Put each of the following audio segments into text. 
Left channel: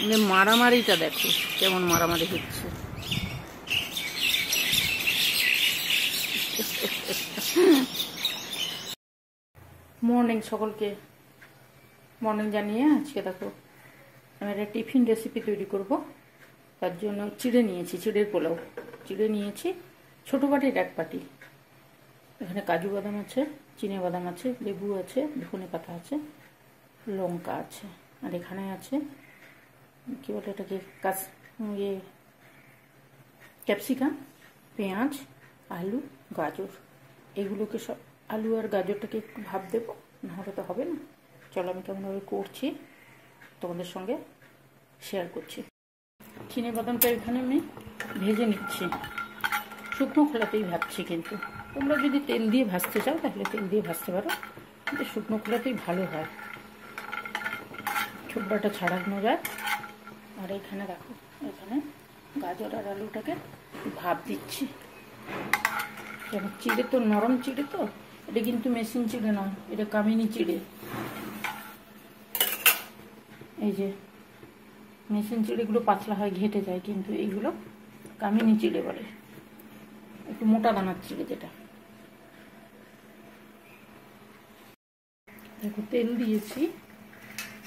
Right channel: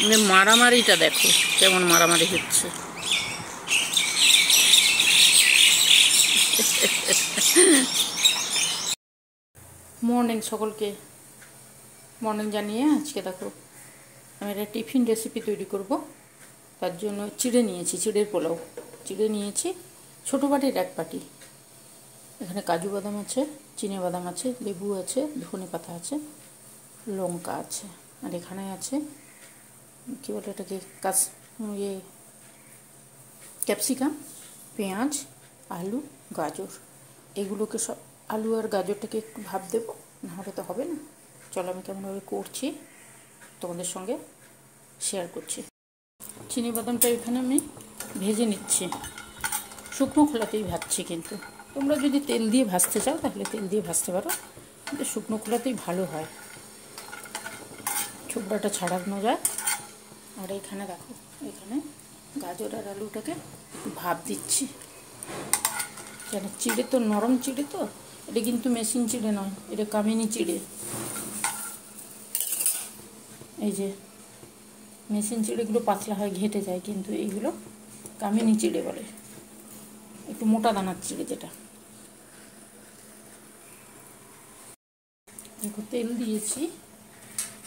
মানে মারামারিটা দেখো কেমন মারামারি হচ্ছে। মর্নিং সকলকে, মর্নিং জানিয়ে আজকে দেখো আমি একটা টিফিন রেসিপি তৈরি করব। তার জন্য চিড়ে নিয়েছি, চিড়ের পোলাও। চিড়ে নিয়েছি ছোটো বাটির 1 বাটি। এখানে কাজু বাদাম আছে, চিনে বাদাম আছে, লেবু আছে, ধনে পাতা আছে, লঙ্কা আছে, আর এখানে আছে কী বলে এটাকে ক্যাপসিকাম, পেঁয়াজ, আলু, গাজর। এগুলোকে সব, আলু আর গাজরটাকে একটু ভাপ দেবো, নাহলে তো হবে না। চলো আমি কেমনভাবে করছি তোমাদের সঙ্গে শেয়ার করছি। চিনি বাদামটা এখানে আমি ভেজে নিচ্ছি, শুকনো খোলাতেই ভাজছি। কিন্তু তোমরা যদি তেল দিয়ে ভাজতে চাও তাহলে তেল দিয়ে ভাজতে পারো, কিন্তু শুকনো খোলাতেই ভালো হয়, ছোবড়াটা ছাড়ানো যায়। আর এখানে দেখো, এখানে গাজর আর আলুটাকে ভাপ দিচ্ছি। কেন, চিড়ে তো নরম চিড়ে, তো এটা কিন্তু মেশিন চিড়ে নয়, এটা কামিনী চিড়ে। এই যে মেশিন চিড়েগুলো পাতলা হয়, ঘেটে যায়, কিন্তু এইগুলো কামিনী চিড়ে বলে, একটু মোটা দানার চিড়ে যেটা। দেখো তেল দিয়েছি,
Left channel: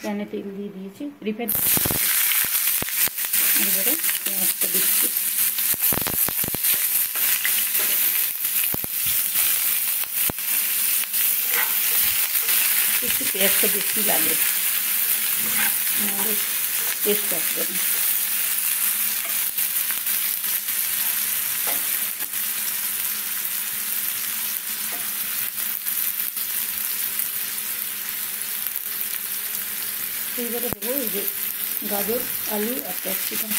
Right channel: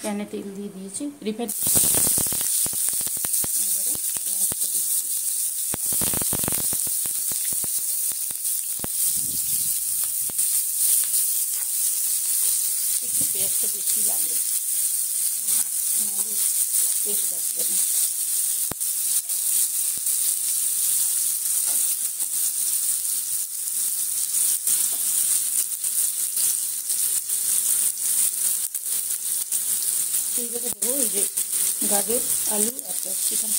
প্যানে তেল দিয়ে দিয়েছি, রিফাইন্ড। এবারে পেঁয়াজটা দিচ্ছি। একটু পেঁয়াজটা বেশি লাগে, নাহলে টেস্ট আসবে না। এইবারে দেবো এই যে গাজর, আলু আর ক্যাপসিকাম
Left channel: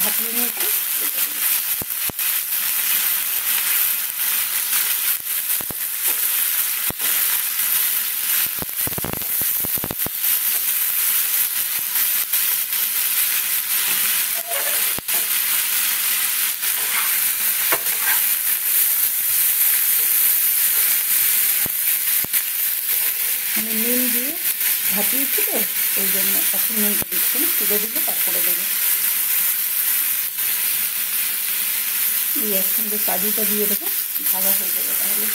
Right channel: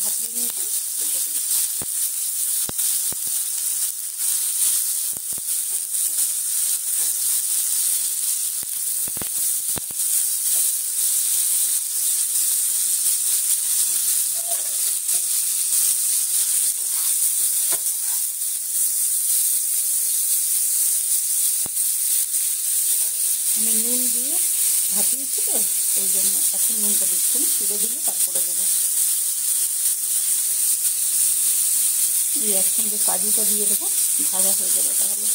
ভাপিয়ে নিয়েছি। আমি নুন দিয়ে ভাপিয়েছি তো, ওই জন্য এখন নুনটা দিচ্ছি না, তুলে দিলে তারপরে দেবো। এই একসঙ্গে কাজুটা দিয়ে দেবো, ভাজা হয়ে যাবে তাহলে।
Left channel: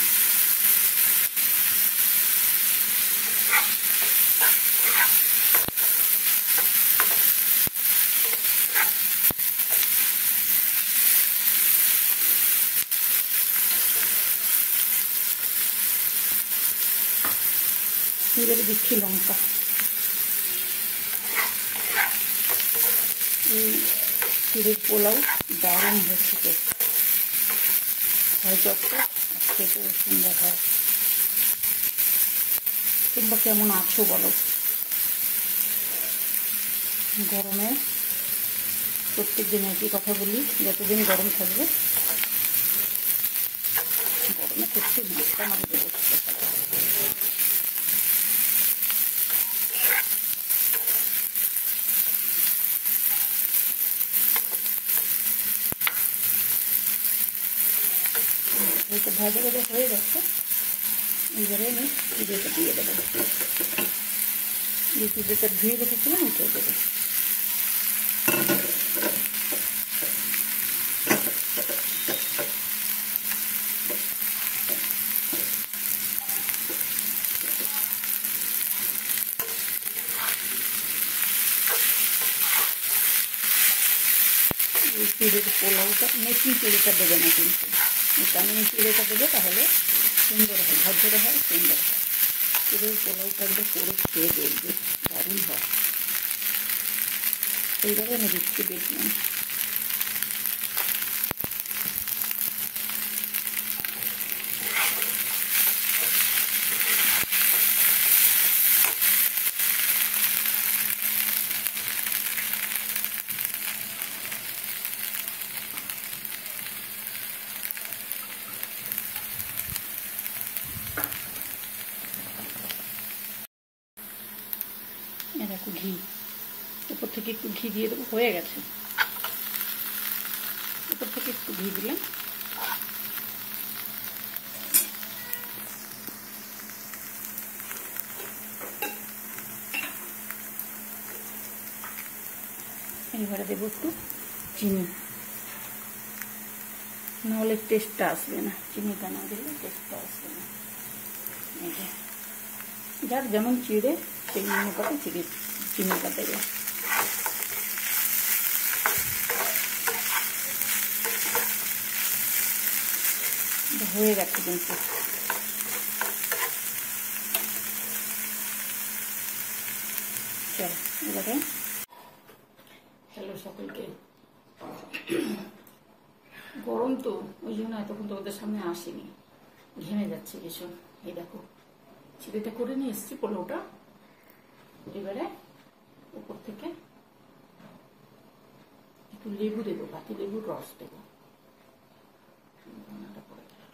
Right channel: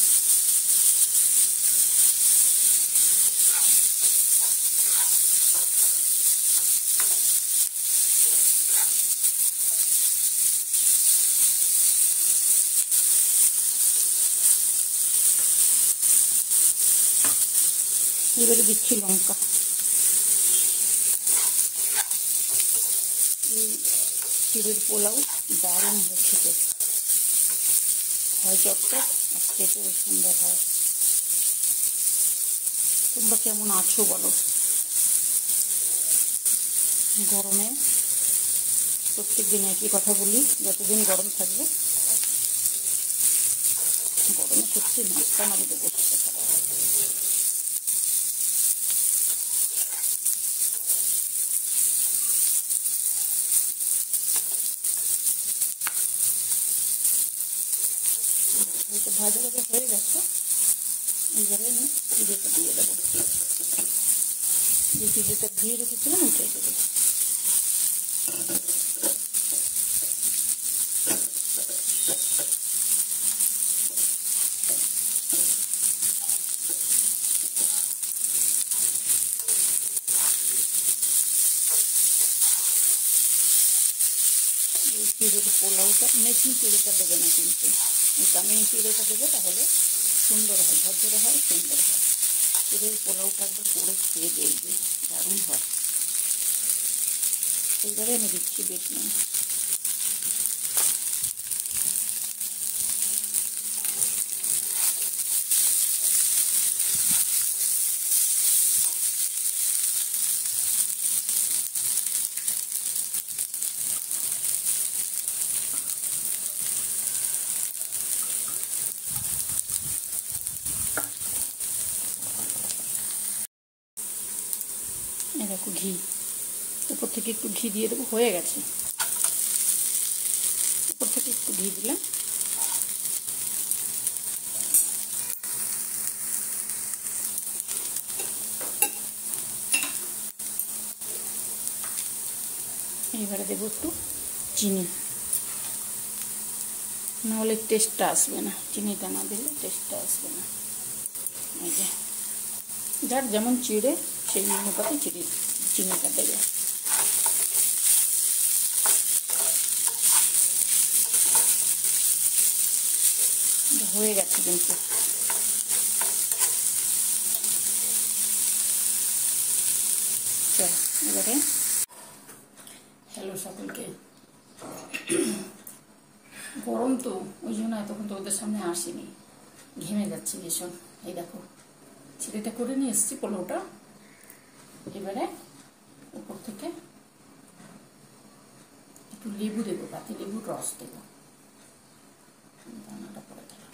এবারে দিচ্ছি লঙ্কা। এই চিড়ের পোলাও দারুণ হচ্ছে, তো হয় চটচট আর খেতেও সুন্দর হয়। তোমরা কেমন আছো বলো? গরমে প্রত্যেক দিন একই কথা বলি, যতদিন গরম থাকবে। গরমে সত্যি মাছটা মারি দেবো। এইটা ভাজা ভাজা হয়ে গেছে, এবারে আমি চিড়েটা দিয়ে দেবো। যে চিড়েটা ধুয়ে রেখেছিলাম উঠে দেবো। এই চিড়ের পোলাওটা মেশিন চিড়েটা দেবে না, কিন্তু এই কামিনী চিড়েটা দেবে, তাহলে সুন্দর হয়, ঝরঝরে হয়, সুন্দর হয়। চিড়ের পোলাওটা একবার করে খেয়ে দেখবে, দারুণ হয়। এইভাবে আমি দিচ্ছি, দেখলাম। এরকম ঘি উপর থেকে একটু ঘি দিয়ে দেবো, হয়ে গেছে। উপর থেকে একটু ঘি দিলাম। এবারে দেবো একটু চিনি, নাহলে টেস্টটা আসবে না, চিনিটা না দিলে টেস্টটা আসবে না। এই যে যার যেমন চিড়ে সেই অনুপাতে চিনিটা দেবে। হয়ে গেছে কিন্তু। চল এবারে, হ্যালো সকলকে। গরম তো ওই জন্য এতক্ষণ তো ওদের সামনে আসেনি, ঘেমে যাচ্ছে ভীষণ। এই দেখো চিড়েটা করে নিয়ে এসেছি পোলাওটা। এবারে উপর থেকে একটু লেবু দেবো, পাতি লেবুর রস দেবো। দানাটা পরে দিলাম।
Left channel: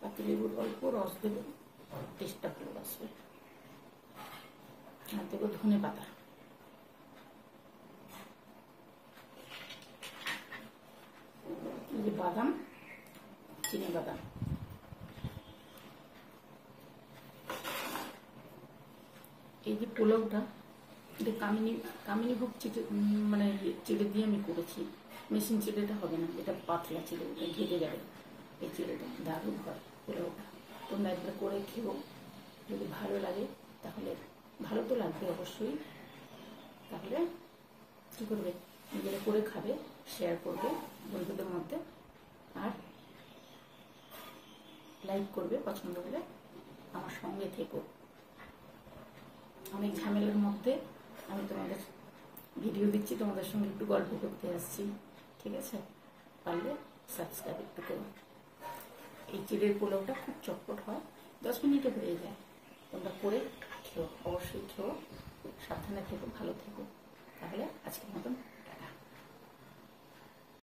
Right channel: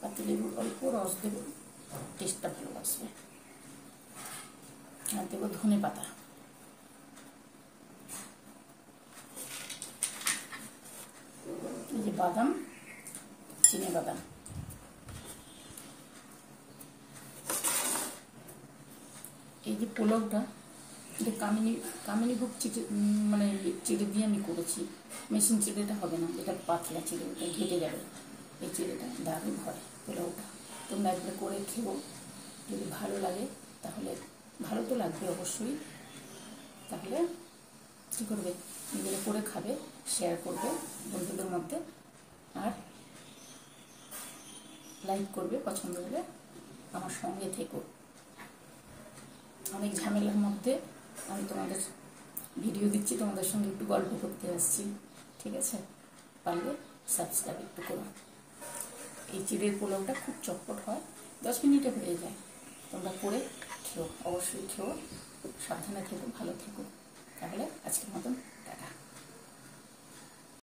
পাতি লেবুর অল্প রস দেবো, টেস্টটা ভালো আসবে। আর দেবো ধনে পাতা। এই যে বাদাম, চিনে বাদাম। এই যে পোলাওটা এটা কামিনীভোগ চিড়ে, মানে চিড়ে দিয়ে আমি করেছি। মেশিন চিড়েটা হবে না, এটা পাতলা চিড়ে, ওটা ঘেটে যাবে। এই চিড়েটা দারুণ হয় পোলাওটা। তোমরা একবার করে খেও, যদি ভালো লাগে তাহলে, ভালো তো লাগবে অবশ্যই, তাহলে কী করবে, নিজেরা করে খাবে, শেয়ার করবে বন্ধুদের মধ্যে, আর লাইক করবে পছন্দ হলে, আমার সঙ্গে থেকো। অনেক ঝামেলার মধ্যে আমি তোমাদের ভিডিও দিচ্ছি, তোমাদের সঙ্গে একটু গল্প করতে আসছি, ঠিক আছে? পারলে সাবস্ক্রাইব একটু করো। এই চিড়ের পোলাওটা খুব চটপট হয়, 10 মিনিটে হয়ে যায়। তোমরা করে খেও, অবশ্যই খেও, সাবধানে থেকো, ভালো থেকো। তাহলে আজকের মতন